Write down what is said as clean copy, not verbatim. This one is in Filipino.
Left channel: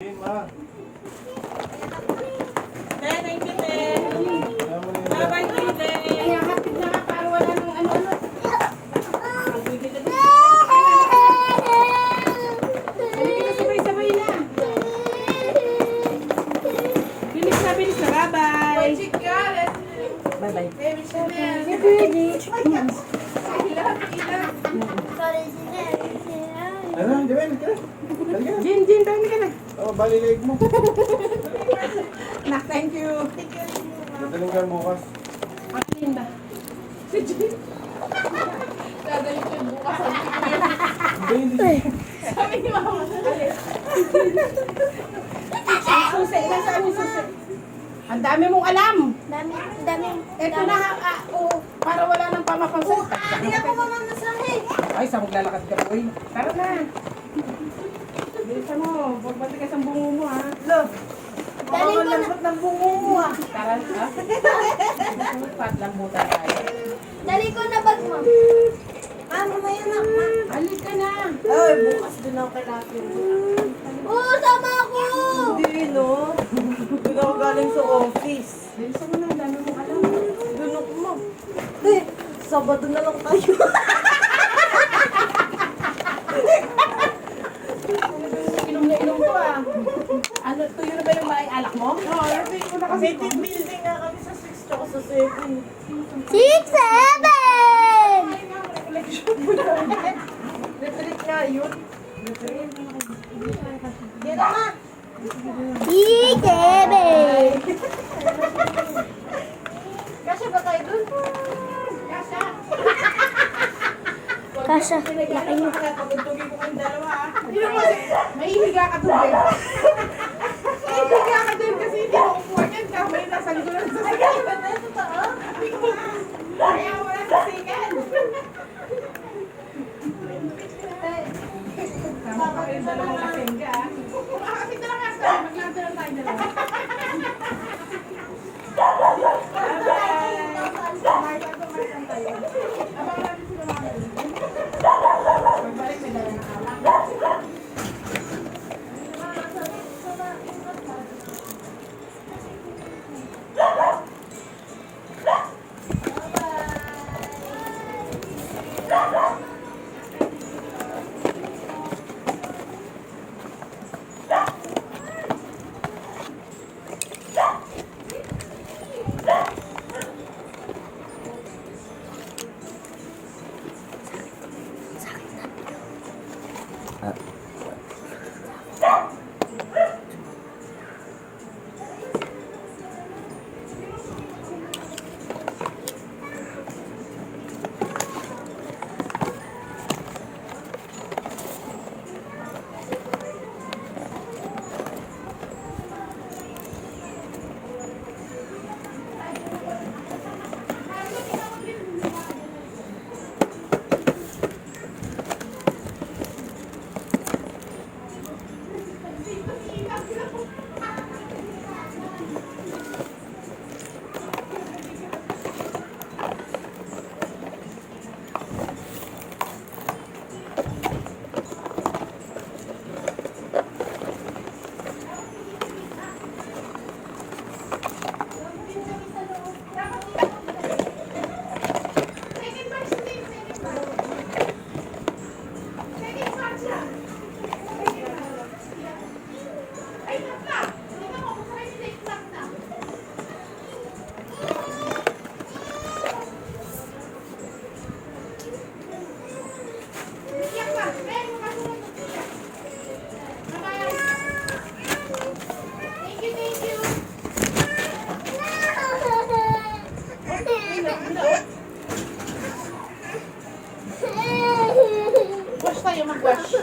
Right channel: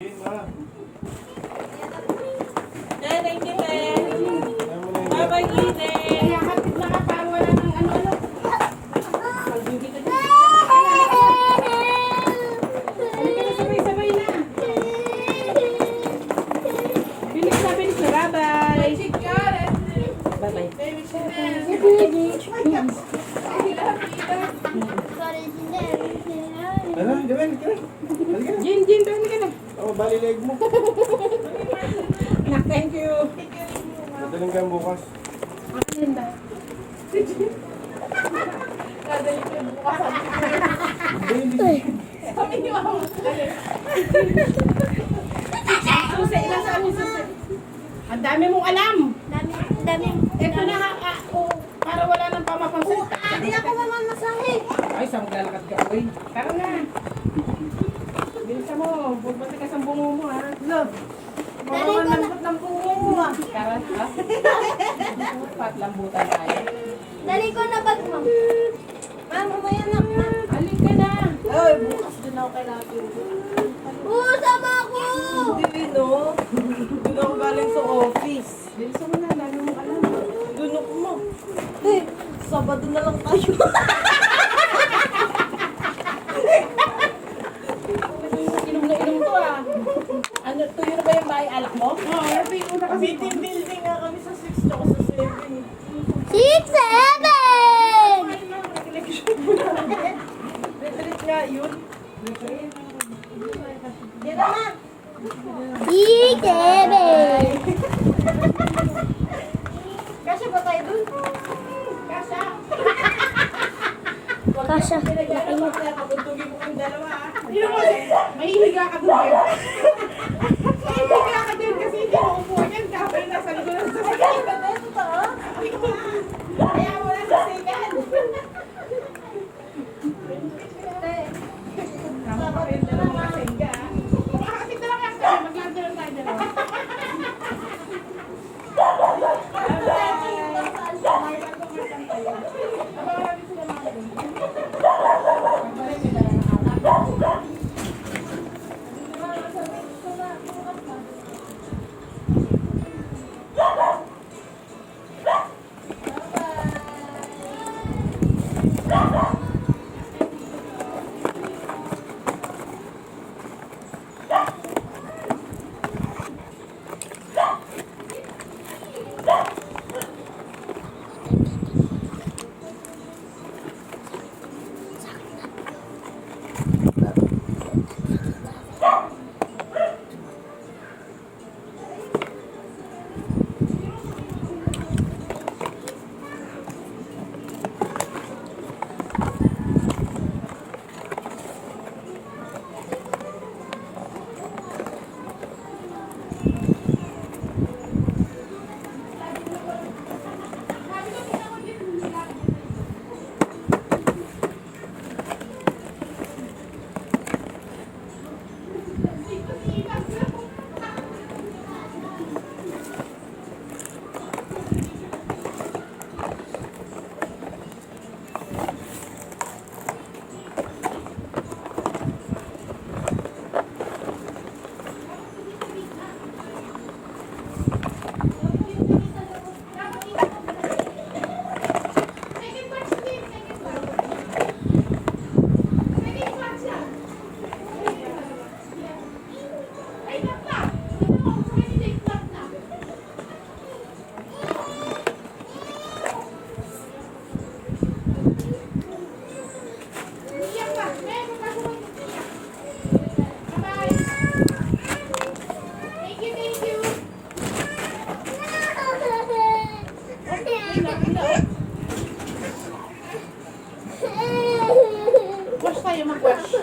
Thank you, Bye-bye, Tite. Bye-bye. Ano, Joel, kira. Jin, paano ka na? Oh, bali leg mo. Nak, thank you. Madaling ka bukas. Ako din ba? Si Jin. Hindi. Sabi ni Mama. Susi, ilan saan yung susi? Ang dami mong alam. Dami. Ito na, para wala nang pamapansin. Hindi ako mamamasahe. Ay, saan maglalakad ka? Uy, tara na. Bilisan mo, huwag matigas ang bungo mo, ha? Love. Dali ko na. Lambot ng bungo mo, ha? Tara, ha? Patlambutan tayo. Dali ko na bag mo. Mamaya na. Alis ka na. Ay, bukas din ako kay Lucky. Oo, sama ako. Hindi, no? Doon ako galing sa office. Bilisan mo na, lalo mo alam. Doon ako mo. Eh, Sabado na lang tayo. Inom na inom to, ah. Ano, tuyo na ba yung bahay alak mo? Oo, every ko na kasi. May team building nga kami sa 6 tsaka sa 7. 6, 7. Ay, ma'am, recollection mo na. Retreat nga yun. Retreat. Yan na, ma. 6, 7. Kasi ba tayo dun? Kasha, laki nyo. Pagtugin ko kayong dalawa, ah. May higa ka doon, eh. May higa ka doon kasi hindi mo upuan yan. Kamay nasa likod ng sasakyan. Ay, ba na? Totoo? Kaya mo na sasikan. Tama pa rin sa mga kasengga, ah. Kung makakapit na lang kasi, maglanda lang tayo dalawa. Wash tayo, mag-wash.